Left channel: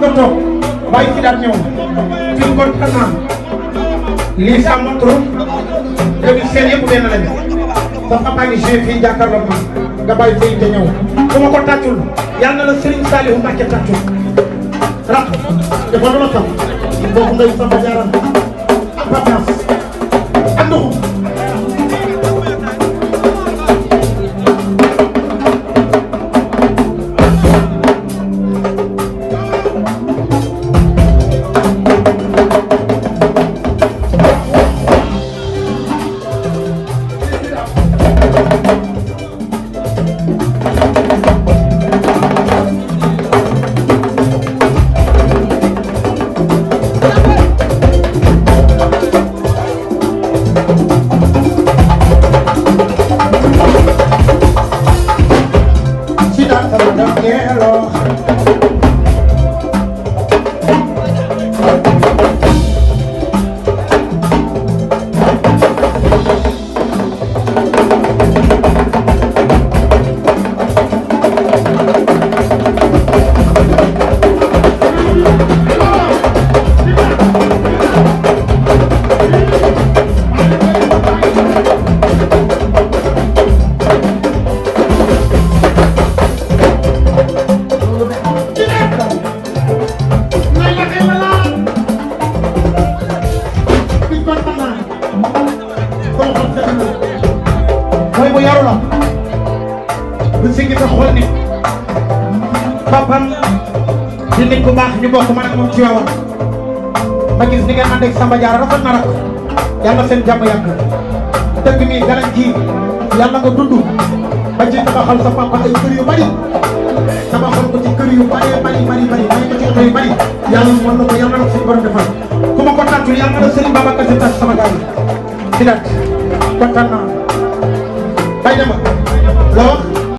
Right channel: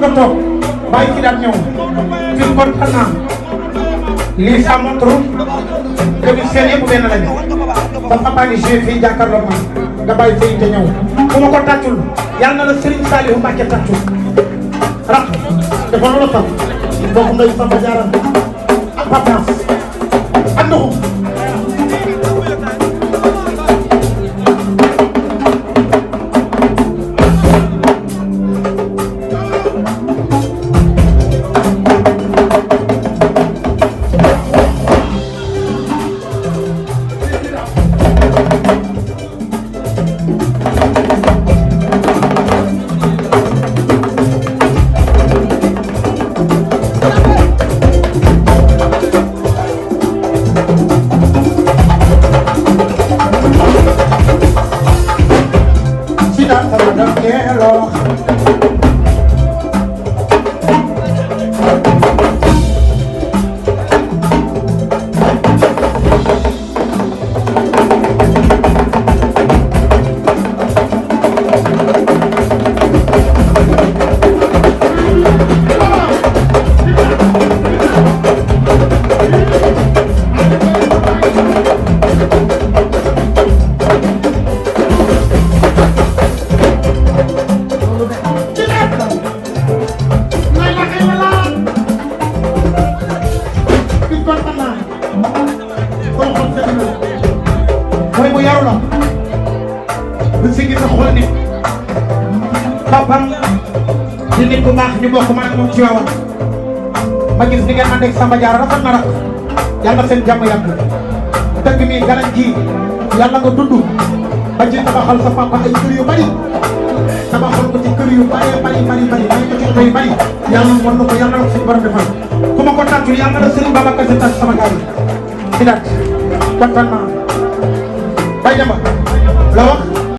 nga toog bàyyi ci daal ñëw fii kontaan naa lii ça montre léegi seen yëpp benn lañu parce que maa ngi joué fii jàkkaarloo ma nga bàyyi fii te ñëw su ma ko tàccul yal na la Serigne Saliou Mbacké tàccul rak dafa mën a toog donc ngay sant jaaral ak patience ak ndoxu dinañ ko baax ñu bokk ma ak moom ci waaw ma gis ni ngeen ma dégg Samba Diarra rafet na nag yàlla seen jàmm yàgg dëkk mi ganañ ji yàlla nga dund ba ci tabaxal sa papa ay kër yu bari tabaxal ko ci kër yu bari bari bari bari may ko ci kër yu bari yàlla mën na ko yàlla na ko suñu borom defal ku ma ko tàccul yàlla na Serigne Babacar Sy tàcc sama gars yi si daat kontaan naa bay dama la wax